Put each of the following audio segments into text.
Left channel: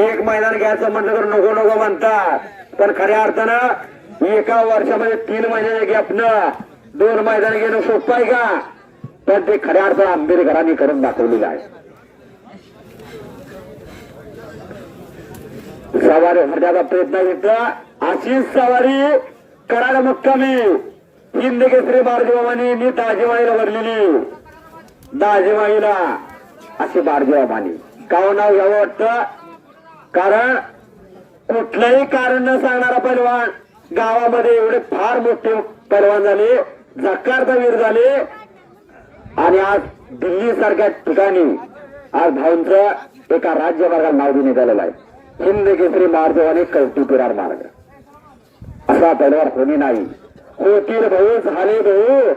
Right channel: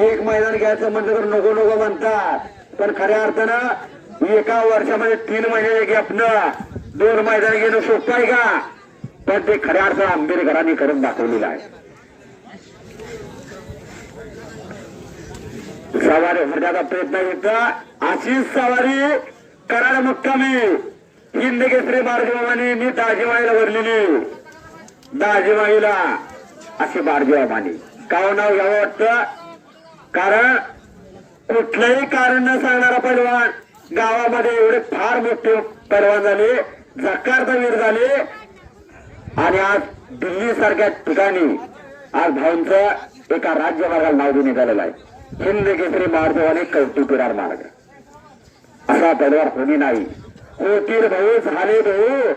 एक मैदान घ्यायचं म्हटलं तर नको नको म्हणता पण खऱ्या अर्थानं एका वर्षामध्ये तीन महिने गॅपनं दोन मैदान घेणं सोपं आहे का? पण ते खऱ्या अर्थानं आंबेडकरांनी करून दाखवलेलं आहे. सवारी होण्याचा प्रयत्न घेतला अशीच सवारी करायला मुक्कामी. हिंद केसरी बारजीबाबांनी मी दाजीमाईला भरलेली. दाजीमाईला अशी बारजीबाबांनी काव हो, नाव घ्यावं वाटतं? कारण कुठलंही कारण न सांगणारा पैलवान गावामध्ये एवढे फार मोठे पैलवान झाले जक्कारचा झाले. आणि आज दिल्ली सारख्या ठिकाणी आज भाऊंचं एका राज्यमार्गाला नाव देण्यात आलेलं आहे. हिंद केसरी मार्गवाने कौतुक मार्ग. असा पैलवान कोणी नाही. होतील भाऊ झाले भाऊ.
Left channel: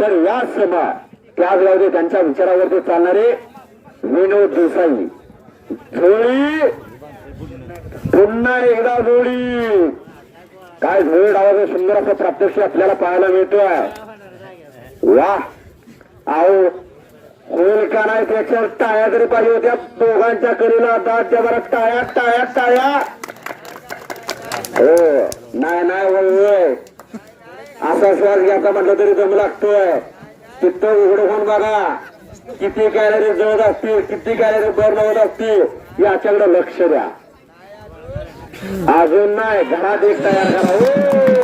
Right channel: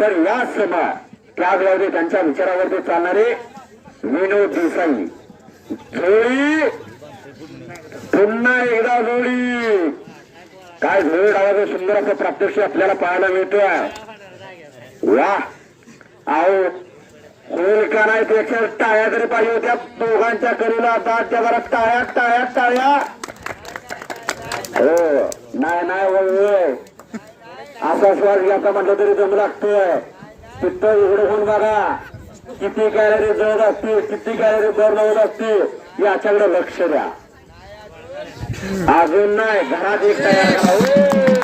तर या सभा त्याचवेळी त्यांच्या विचारावरती चालणारे विनोद देसाई. पुन्हा एकदा जोडी. काय जोडी डावाचं सुंदर असं प्रात्यक्षिक आपल्याला पाहायला मिळतोय. वा अहो होईल का नाही त्याच्या टाळ्या तरी पाहिजे होत्या. दोघांच्या करीला दाटच्या बरं. टाळ्या टाळ्या टाळ्या. हो. नाही नाही वय असा श्वास घ्यायचा म्हटलं तरी जम लागतोय. तिथं उघडं होऊन बघा. किती कॅलरी जळत असतील किती कॅलरी बर्न होत असतील याच्याकडे लक्ष द्या. अजून नाही घरात एक तयार करा.